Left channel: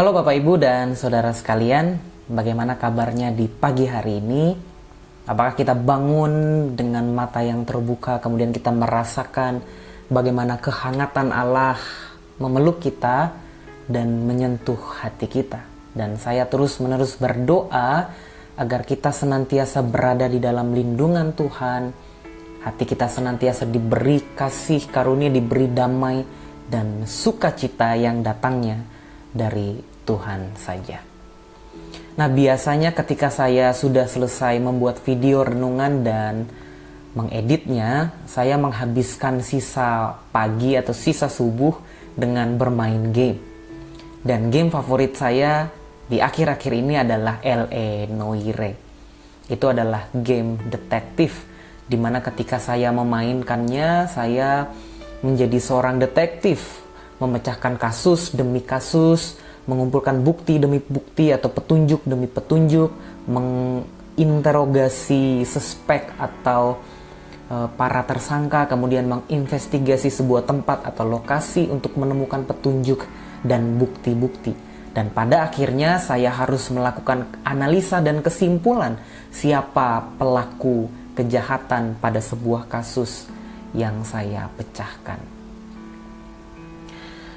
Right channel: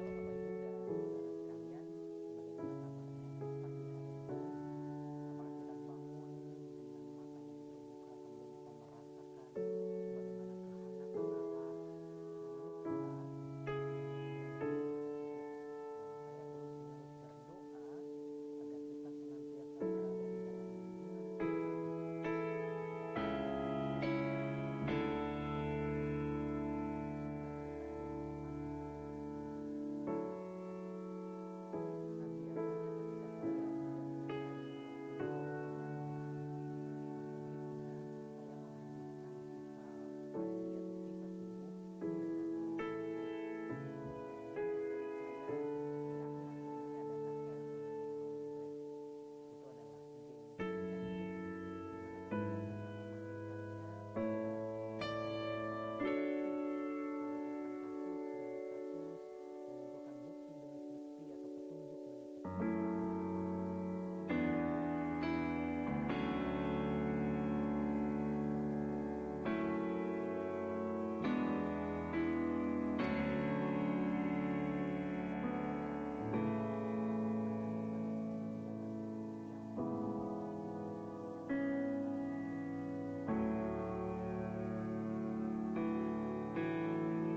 Halo Bapak Ibu dan Saudara sekalian, bagaimana kabarnya di pagi hari ini? Apakah kita bangun dengan mata yang terbuka, kemudian kita merasakan bagaimana kehangatan Allah memeluk kita dan menyentuh hati kita? Dan saya terus-menerus berdoa agar kita senantiasa berada di dalam lindungan Tuhan, hati kita senantiasa diberi kasih karunia, diberi damai dan sukacita yang datangnya dari Tuhan saja. Nah, biasanya ketika saya sudah selesai membuat video renungan dan mengeditnya, saya menghabiskan sisa pagi atau sisa subuh dengan bermain game. Dan game favorit saya di akhir-akhir ini adalah L.A. Noire. Itu adalah game detektif, dimana ketika saya memainkannya, saya menjadi seorang detektif, memecahkan kasus demi kasus, mengumpulkan bukti demi bukti atau petunjuk demi petunjuk, menginterogasi suspek atau para tersangka, kemudian menginvestigasi sebuah tempat atau lokasi untuk menemukan petunjuk dan bukti-bukti. Dan pada akhirnya saya harus melakukan analisa dan kesimpulan siapa pelaku kejahatan pada sebuah kasus yang saya pecahkan.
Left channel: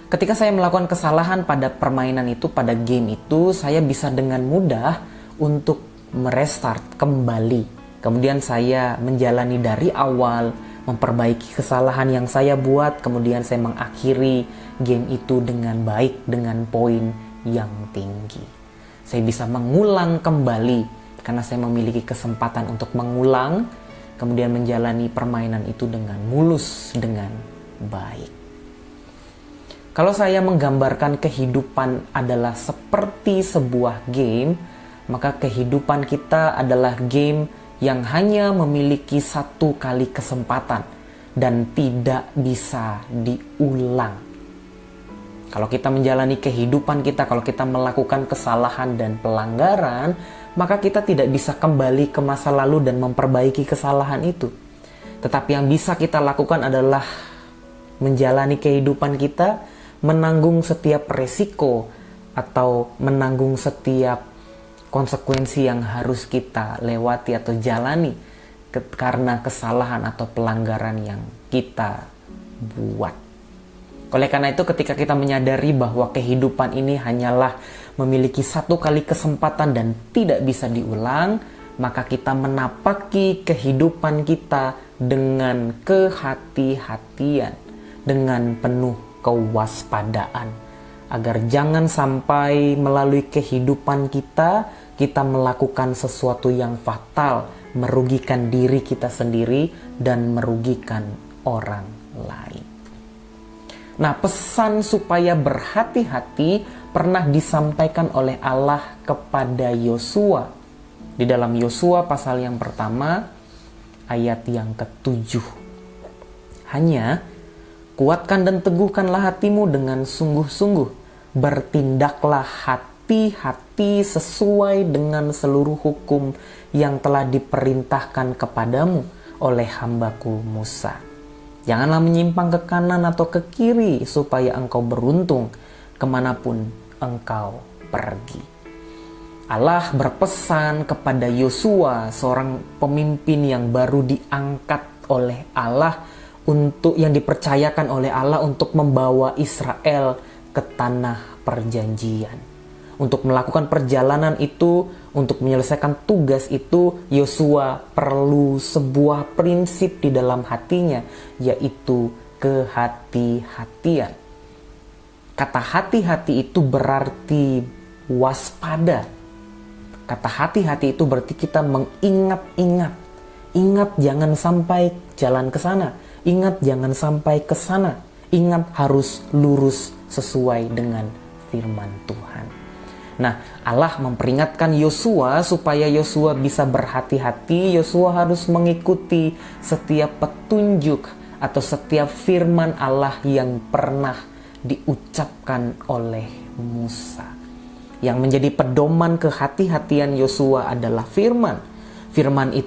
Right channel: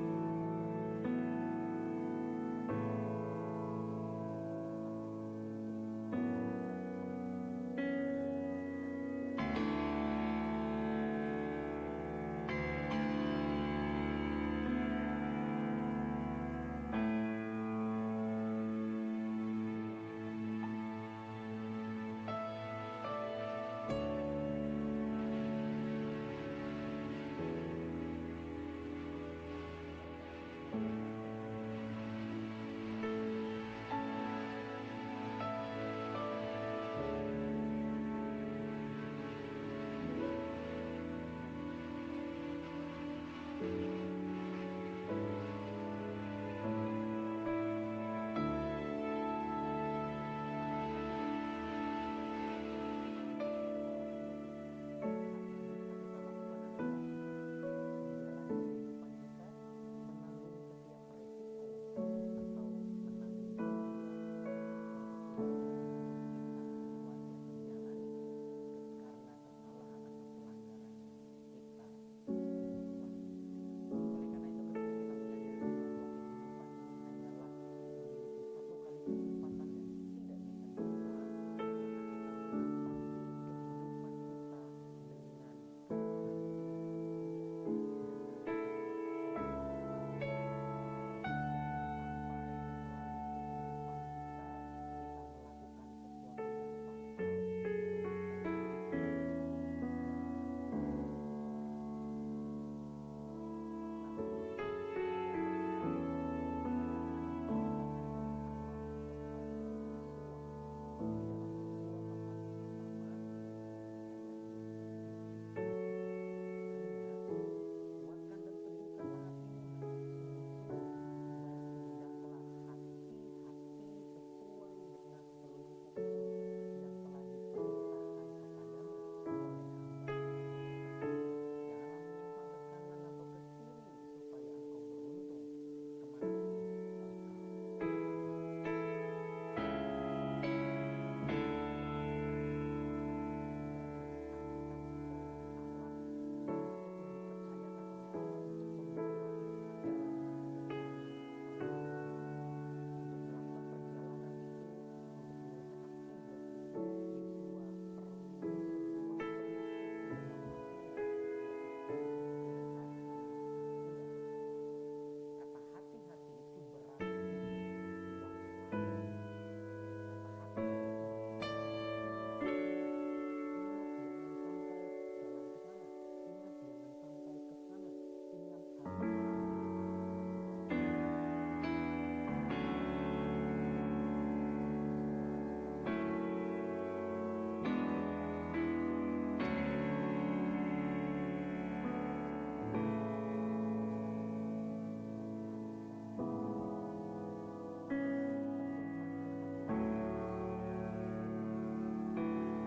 Ketika saya melakukan kesalahan pada permainan itu, pada game itu, saya bisa dengan mudah untuk merestart kembali. Kemudian saya menjalani dari awal, memperbaiki kesalahan yang saya buat, kemudian saya mengakhiri game itu dengan baik, dengan poin yang tinggi. Saya bisa mengulang kembali, karena saya memiliki kesempatan untuk mengulang, kemudian menjalani permainan itu dengan mulus, dengan baik. Kalau saya menggambarkan kehidupan adalah seperti sebuah game, maka kehidupan kita adalah game yang hanya memiliki satu kali kesempatan dan tidak bisa diulang. Kalau kita menjalani kehidupan kita, kalau kita melakukan kesalahan dan pelanggaran, maka kita tidak bisa kembali ke masa lalu dan memperbaiki kesalahan itu. Tetapi yang bisa kita lakukan adalah menjalani kehidupan kita, menanggung setiap resiko atau menanggung setiap konsekuensi yang harus kita lewati atau jalani karena kesalahan atau pelanggaran yang kita buat. Oleh karena itu, ketika kita menyadari bahwa kehidupan ini hanyalah memiliki satu kali kesempatan dan tidak bisa diulang, maka kita menapaki kehidupan kita dengan kehati-hatian, dengan penuh kewaspadaan, agar jangan sampai melalui kehidupan kita melakukan sesuatu yang fatal, merugikan diri kita sendiri dan merugikan orang lain. Nah, pesan supaya berhati-hati pernah disampaikan oleh Allah kepada Yosua di dalam Yosua pasal yang pertama ayat yang ke-7. Hanya kuatkan dan teguhkanlah hatimu dengan sungguh-sungguh. Bertindaklah hati-hati sesuai dengan seluruh hukum yang telah diperintahkan kepadamu oleh hambaku Musa. Janganlah menyimpang ke kanan atau ke kiri supaya engkau beruntung kemanapun engkau pergi. Allah berpesan kepada Yosua, seorang pemimpin yang baru diangkat oleh Allah, untuk yang dipercayakan oleh Allah untuk membawa Israel ke tanah perjanjian. Untuk melakukan perjalanan itu, untuk menyelesaikan tugas itu, Yosua perlu sebuah prinsip di dalam hatinya, yaitu kehati-hatian. Kata hati-hati itu berarti waspada. Kata hati-hati itu berarti kita mengingat-ingat. Ingat jangan sampai jalan ke sana. Ingat jangan sampai ke sana. Ingat harus lurus sesuai dengan firman Tuhan. Nah, Allah memperingatkan Yosua supaya Yosua bisa berhati-hati. Yosua harus mengikuti setiap petunjuk atau setiap firman Allah yang pernah diucapkan oleh Musa. Yang menjadi pedoman kehati-hatian Yosua adalah firman.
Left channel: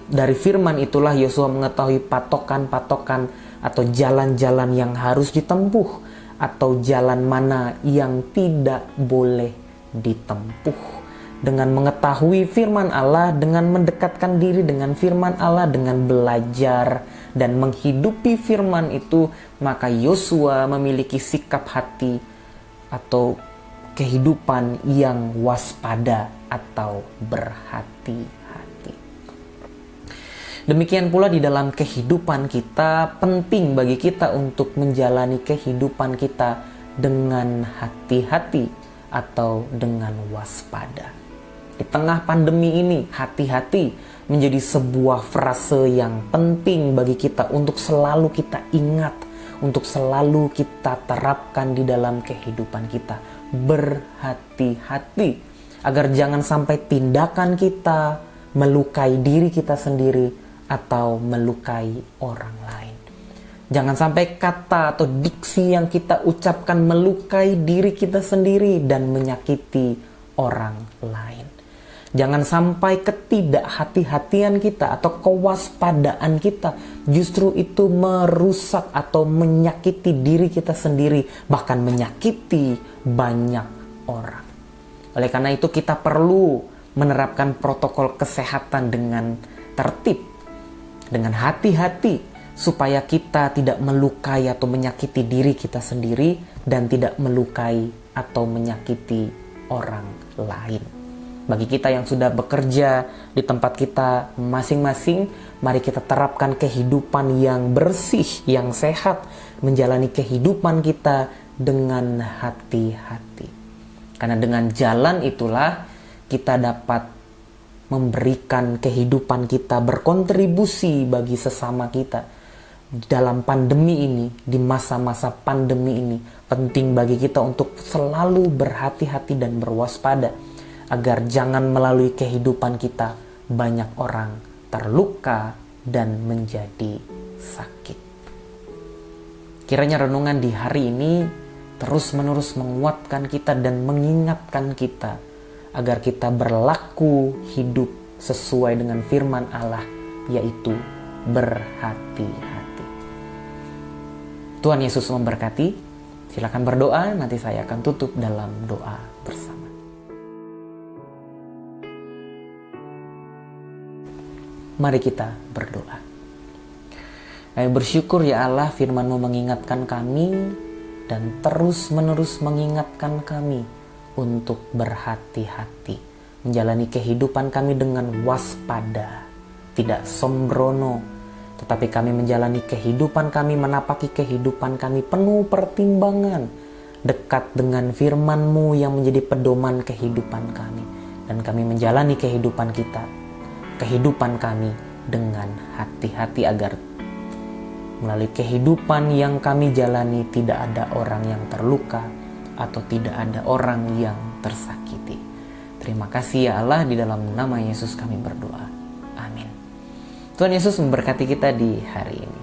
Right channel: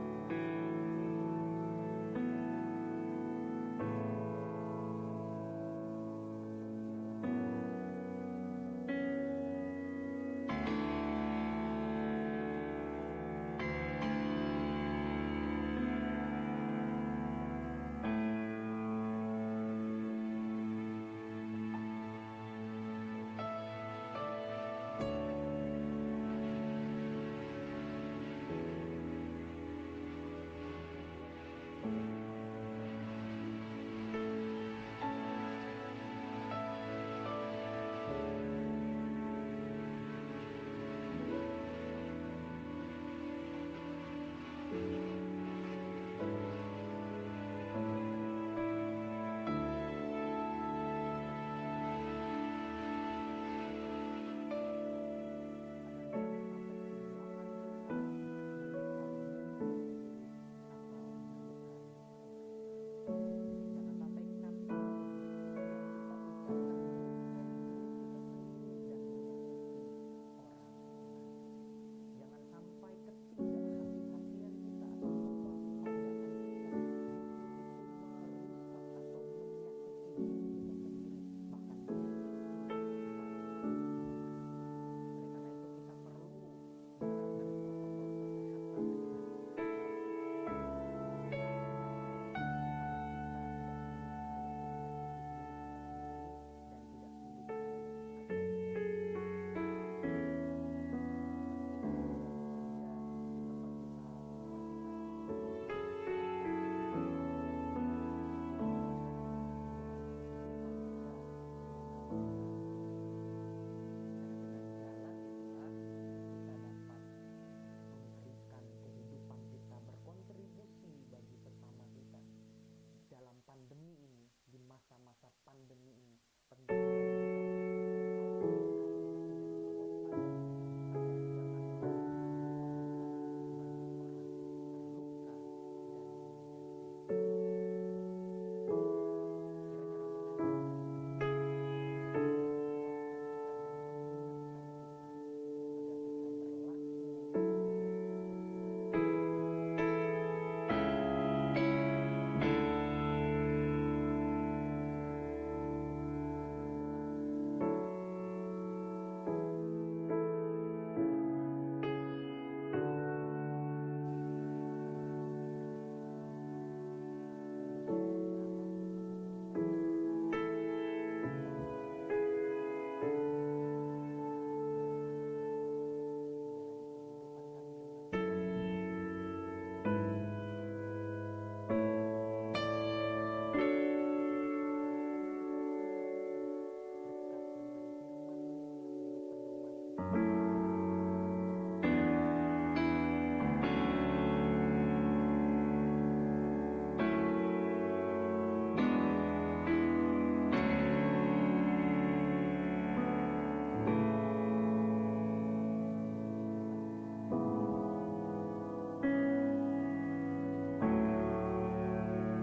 Dari firman itulah Yosua mengetahui patokan-patokan atau jalan-jalan yang harus ditempuh, atau jalan mana yang tidak boleh ditempuh. Dengan mengetahui firman Allah, dengan mendekatkan diri dengan firman Allah, dengan belajar dan menghidupi firman itu, maka Yosua memiliki sikap hati atau kehidupan yang waspada atau berhati-hati. Demikian pula di dalam kehidupan kita, penting bagi kita untuk menjalani kehidupan kita dengan hati-hati atau dengan waspada. Di tengah pandemi ini, hati-hati menjadi sebuah frase yang penting bagi kita untuk selalu kita ingat, untuk selalu kita terapkan di dalam kehidupan kita. Berhati-hati agar jangan sampai tindakan kita melukai diri kita sendiri atau melukai orang lain. Jangan sampai kata atau diksi yang kita ucapkan melukai diri kita sendiri dan menyakiti orang lain. Jangan sampai ketidakhati-hatian kita atau kewaspadaan kita justru itu merusak atau menyakiti diri kita sendiri, bahkan menyakiti banyak orang. Oleh karena itu kita perlu menerapkan protokol kesehatan dengan tertib, dengan hati-hati, supaya kita tidak melukai atau menyakiti diri kita sendiri dan tidak melukai atau menyakiti orang lain. Bagi kita yang sudah bekerja di tempat kita masing-masing, mari kita terapkan kehidupan yang bersih, yang sehat, menjalani kehidupan kita dengan hati-hati. Karena dengan jalan itulah kita dapat memberikan kehidupan kita, berkontribusi bagi sesama kita. Dalam pandemi ini, di masa-masa pandemi ini, penting bagi kita untuk selalu berhati-hati dan berwaspada, agar jangan melalui kehidupan kita banyak orang terluka dan menjadi sakit. Kiranya renungan di hari ini terus-menerus menguatkan kita dan mengingatkan kita agar kita berlaku hidup sesuai dengan firman Allah, yaitu berhati-hati. Tuhan Yesus memberkati. Silakan berdoa, nanti saya akan tutup dalam doa bersama. Mari kita berdoa. Kami bersyukur ya Allah, firman-Mu mengingatkan kami dan terus-menerus mengingatkan kami untuk berhati-hati, menjalani kehidupan kami dengan waspada, tidak sembrono, tetapi kami menjalani kehidupan kami, menapaki kehidupan kami penuh pertimbangan, dekat dengan firman-Mu yang menjadi pedoman kehidupan kami, dan kami menjalani kehidupan kami dengan hati-hati agar melalui kehidupan yang kami jalani tidak ada orang yang terluka atau tidak ada orang yang tersakiti. Terima kasih ya Allah, di dalam nama Yesus kami berdoa. Amin. Tuhan Yesus memberkati kita di hari ini.